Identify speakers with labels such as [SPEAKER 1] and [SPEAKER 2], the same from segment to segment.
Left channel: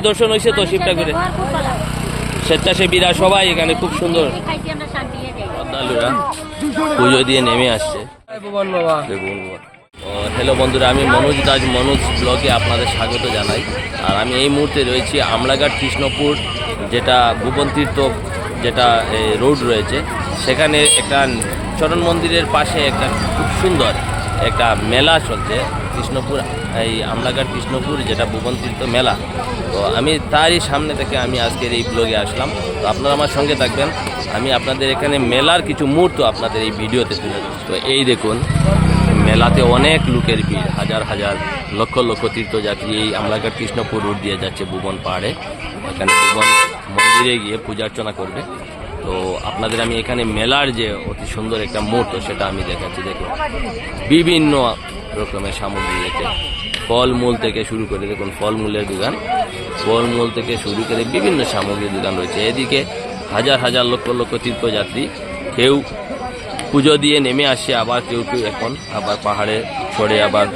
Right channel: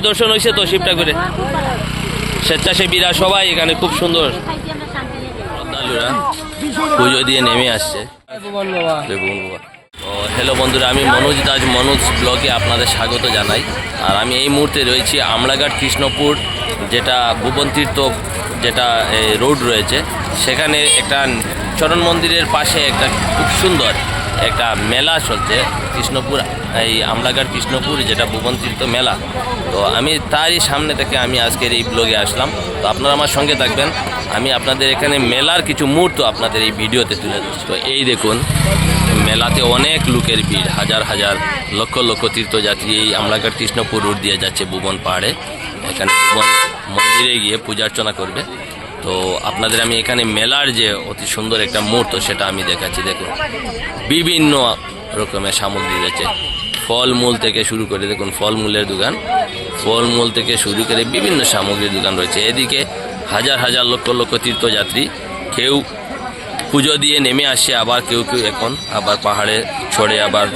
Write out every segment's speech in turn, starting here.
[SPEAKER 1] ঠাকুরের দর্শন হয়েছে তো শিবঠাকুরে স্বেচ্ছাসেবীরা সবাই এখানে খুব সুন্দর। শ্রদ্ধালুরা পুজো দিয়ে নেমে আসছে। ও হ্যালো বন্ধুরা, আমি মনোজ দাস মনোজ ব্লগে আপনাদের স্বাগত জানাই। আর আমি এই মুহূর্তে রয়েছি আমলাঘাট কৃষ্ণপুর, যেটা ভুবন তীর্থ যেটা রোড রয়েছে। সেখানে একটা চরণ মন্দিরের পাশে একটা খুব সুন্দর একটা মেলা চলছে কৃষ্ণপুর এই আমলাঘাট কৃষ্ণপুর, যেটা ভুবন তীর্থ মেলা। তো আমি তারই সামনে থেকে আমি আজকের এই ব্লগে আসলাম। তো আপনারা আমার সঙ্গে থাকবেন। আমি আপনাদের এখানে মেলার কিছু মুহূর্ত আপনাদের এই ভিডিওতে তুলে ধরছি। তো এই দেখুন, মেলাতে অনেক লোকের ভিড়। হাজার হাজার, লক্ষ লক্ষ তীর্থযাত্রী এই আমলাঘাট কৃষ্ণপুর রোড দিয়ে যাচ্ছে ভুবন পাহাড়ে এখানে ভুবন মন্দিরে গিয়ে পূজা অর্চনা করবে। তো আপনাদের আমি এখানে মেলার যে অতি সুন্দর একটা মুহূর্ত, সেটা আমি দেখাচ্ছি। দেখুন, বিভিন্ন রকমের সামগ্রী রয়েছে। ফলমূল থেকে শুরু করে দেখুন, ফলমূলের দোকান। ফলমূল থেকে শুরু করে বিভিন্ন সামগ্রীর দোকান রয়েছে। এদিকে হাজার হাজার লক্ষ লক্ষ তীর্থযাত্রী কেউ পুজো দিয়ে নেমে আসে, আবার কেউ কেউ এখন আবার পাহাড়ে ছড়ে আবার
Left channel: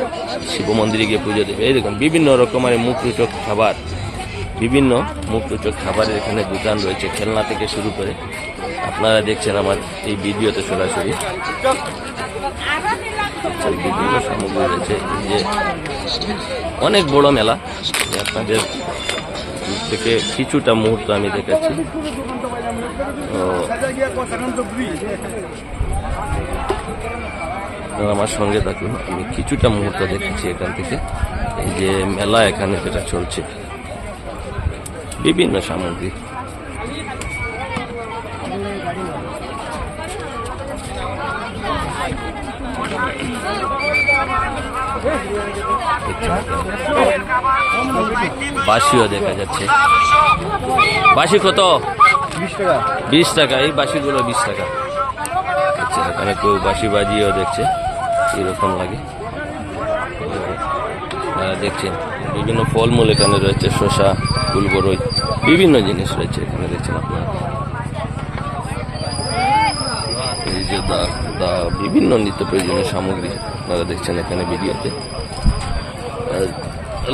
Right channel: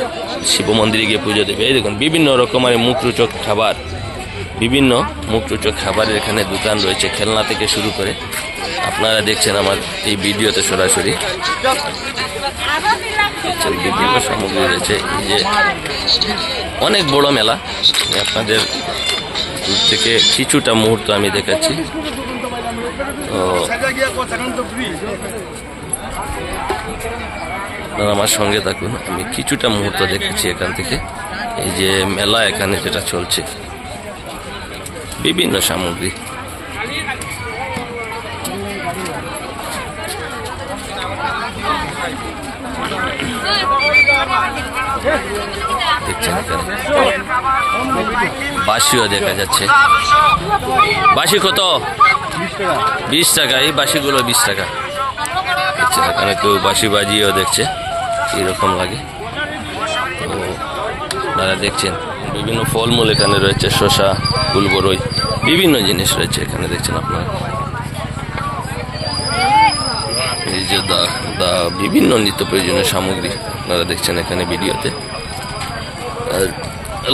[SPEAKER 1] শিব মন্দিরে গিয়ে পুজো দেবে। এই দেখুন, বিভিন্ন রকমের মুখরোচক খাবার, বিভিন্ন মুখরোচক খাবারের এখানে দোকান রয়েছে খেলনা থেকে শুরু করে। আপনারা দেখছেন আমার এই ভিডিওতে সরাসরি। বিভিন্ন সামগ্রী রয়েছে। এই যে অনেক বড় মেলা। আমি আপনাদের দূর থেকে কিছুটা মুহূর্ত আমি দেখাচ্ছি। তো আমার সঙ্গে থাকুন, আমি কিছুটা মুহূর্ত দেখাচ্ছি এখান থেকে। এই যে মেলা এখানে যেটা চলছে, বিভিন্ন সামগ্রী। দেখছেন বাসিও দেখা যাচ্ছে। বাসি কত? বিশ টাকা, এই বাসিগুলো বিশ টাকা। দেখছেন এখানে কেউ বাসি বাজিয়েও দেখছে, কীরকম লাগে। তো আপনারা দেখছেন, বিভিন্ন ফলমূল এখানে রয়েছে, শসা, ফুলবরই, বিভিন্ন জিনিস রয়েছে এখানে, দেখছেন আপনারা। যে দা দা বিভিন্ন নিত্য প্রয়োজনীয় সামগ্রী আপনারা দেখছেন এখানে ভিডিওতে।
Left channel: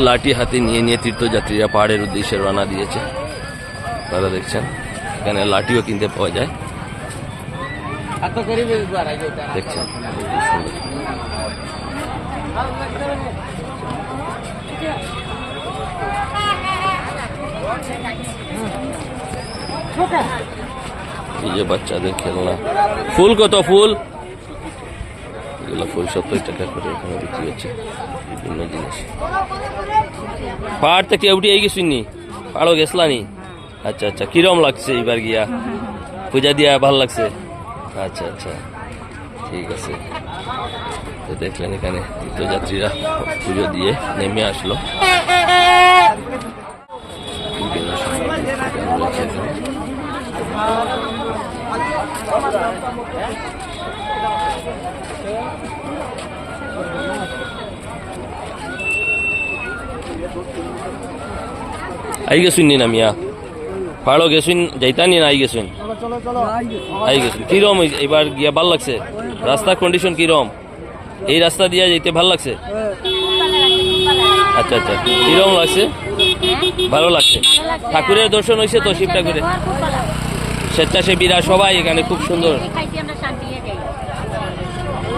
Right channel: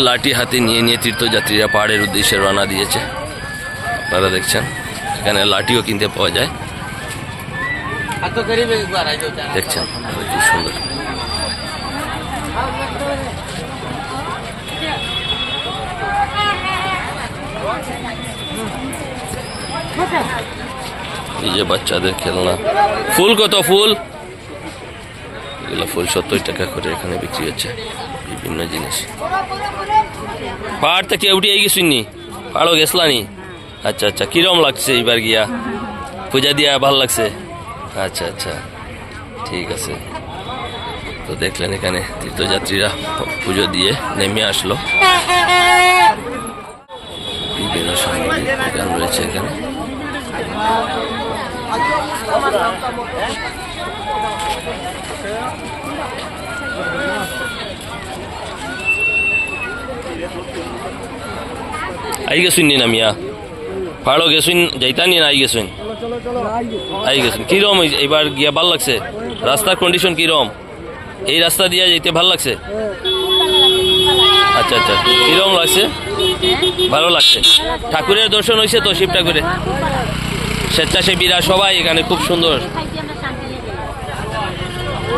[SPEAKER 1] লাঠি হাতে নিয়ে নিয়ে তীর্থযাত্রীরা পাহাড়ের উদ্দেশ্যে রওনা দিয়েছে। আপনারা দেখছেন, এখানে লাঠিও কিনতে পাওয়া যায়। দেখছেন, কি সুন্দর। এই যে বাচ্চাদের খেলনা। ফুল কত ফুল? এগুলো ফুল সত্তর টাকা করে এখানে বিক্রি হচ্ছে, বিভিন্ন জিনিস। পাহাড় থেকে উঠে এই গেছিনি? পাহাড়ও গেছলানি? আচ্ছা আচ্ছা কিরম লাগছে এবার গিয়া? পূজা দিয়া ভালো লাগছে? আচ্ছা আচ্ছা ঠিক আছে। তো দেখলেন এখানে তীর্থযাত্রীরা পুজো দিয়ে নেমে আসলো। বিভিন্ন সামগ্রী রয়েছে এখানে। আই গেছুন নি নামিয়া পাহাড়ও গেছুন যাইতা নি না আই গেছুন আই গেছুন কিরম? এবার গিয়া ভালো লাগছে রাস্তার কন্ডিশন কিরম এই রাস্তা দিয়ে যাইতে ভালো লাগছে আচ্ছা আচ্ছা কিরম লাগছে ভালো লাগছে ঠাকুরের দর্শন হয়েছে তো শিব ঠাকুরের স্বেচ্ছাসেবীরা সবাই এখানে খুব সুন্দর।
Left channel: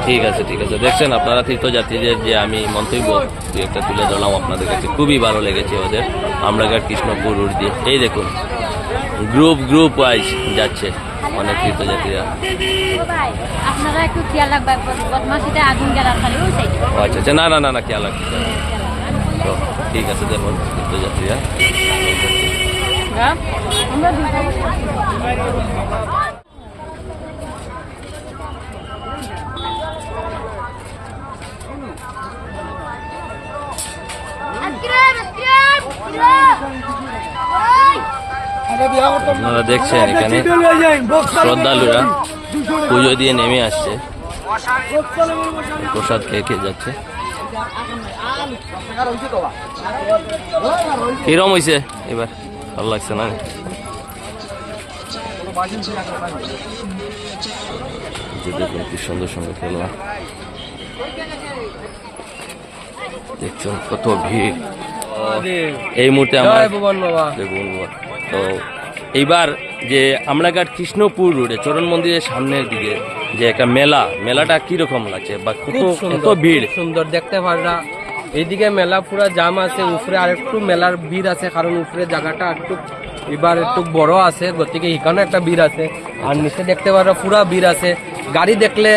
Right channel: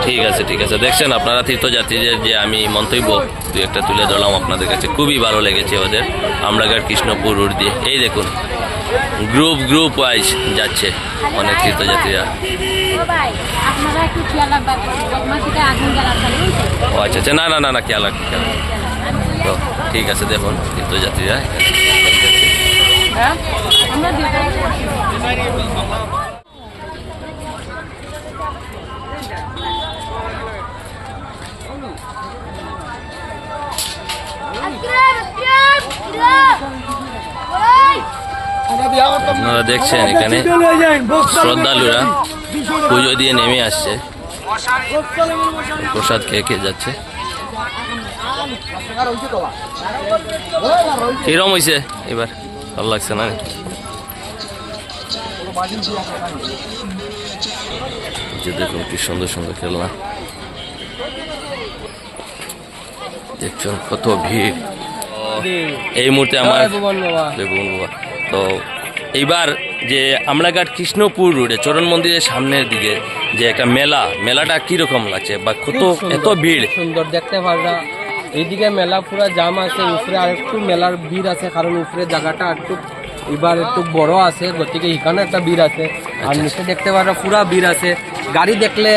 [SPEAKER 1] ঠিক আছে ঠিক আছে। দেখছেন আপনারা তীর্থযাত্রীদের যে আমি মন্তব্য দু একটা তুলে ধরলাম আপনাদের কাছে। খুবই ভালো লেগেছে ওদের। আমরাঘাট কৃষ্ণপুর রুট দিয়ে। এই দেখুন গ্রুপ গ্রুপ ওয়াইজ যাচ্ছে অনেক তীর্থযাত্রীরা। ও আচ্ছা আচ্ছা না না না না খেয়াল রাখ খেয়াল তো ঠিক আছে দেখুন তীর্থযাত্রীরা। আপনারা দেখছেন এখানে শ্রদ্ধালুরা পুজো দিয়ে নেমে আসছে। প্রসাদ খেয়ে খেয়ে যাচ্ছে? কিরম হয়েছে এবার? ভালো লাগছে না? যে দেখুন কি সুন্দর সুন্দর খেলনা। দেখছেন কত ভিড়। এই মুহূর্তে আমার দেখুন বাবা। তো এইবার যে আমলাঘাট কৃষ্ণপুর রোডে চরণ মন্দিরের সামনের দিকে যে একটা মেলা মেলাটা কীরকম লাগছে বা কত এত ভিড়?
[SPEAKER 2] সুন্দর দেখতে পাররা এইদিকে মেলা পুরা জাম আছে উপরে আর একটু মেলার ভিড় আছে কারণ উপরে জায়গাটা একটু এবার একটু বড় আছে গতিকে এখানে একটা ভিড় আছে। আর নিচে দেখতে পারবা পুরা ভিড় আছে। গাড়ি দেখলে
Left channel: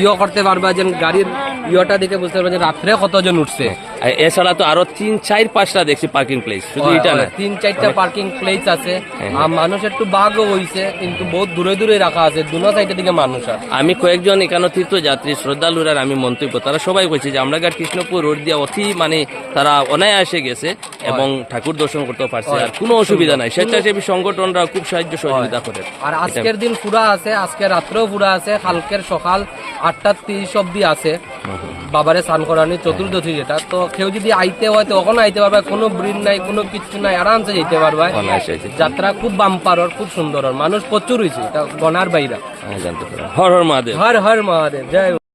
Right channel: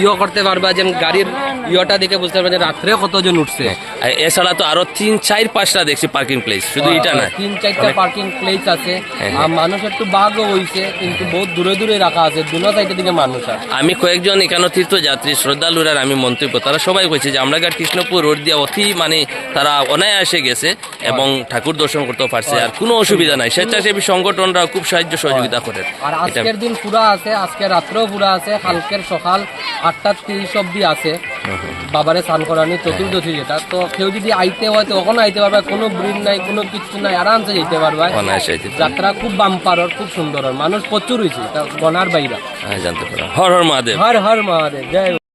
[SPEAKER 2] ইয়ে করতে পারবা যে গাড়ির ইয়েটা দেখে বুঝতে পারবা যে রাত্রে কতজন উঠছে।
[SPEAKER 1] আর এছাড়া তো আরও তিন চার পাঁচটা দেখছি পার্কিং প্লেস শুধু এটা না।
[SPEAKER 2] তিন চারটা পার্কিং প্লেস আছে।
[SPEAKER 1] হ্যাঁ,
[SPEAKER 2] আর মানুষ একটু বাঘও হইছে কিন্তু বহুত দূরে দূরে রাখা আছে দুনো সাইডের দিকে মানুষ আছে
[SPEAKER 1] আমি কয়েকজন এখানে তীর্থযাত্রী শ্রদ্ধালুরার আমি মন্তব্য তারা সবাই কইছে যে আমরাঘাট কৃষ্ণপুর রোড দিয়ে অতি মানে তারা অনায়াসে গেছে এবং ঠাকুর দর্শন করতে পারছে আর কোনো অসুবিধা নাই। স্বেচ্ছাসেবী সংগঠনরা খুব সাহায্য সহযোগিতা করে
[SPEAKER 2] আর আজকের দিন পুরা আছে আজকে রাত্রেও পুরা আছে কালকের সকাল আটটা তিরিশ অব্দি আছে। বাবারে স্নান করানি চতুর্দশী যেটা তো কেউ যদি আইতে হয় তো ওখানে আইতে পারবে কোনো ব্রিড নাই কোনো কিছু নাই আরামসে যেতে পারবে। যাত্রা খুব বাম্পার খুব সুন্দর মানুষ প্রচুর হয়েছে গনার বাইরা।
[SPEAKER 1] হ্যাঁ জানতে পারো হর হর মহাদেব।
[SPEAKER 2] হর হর মহাদেব জয়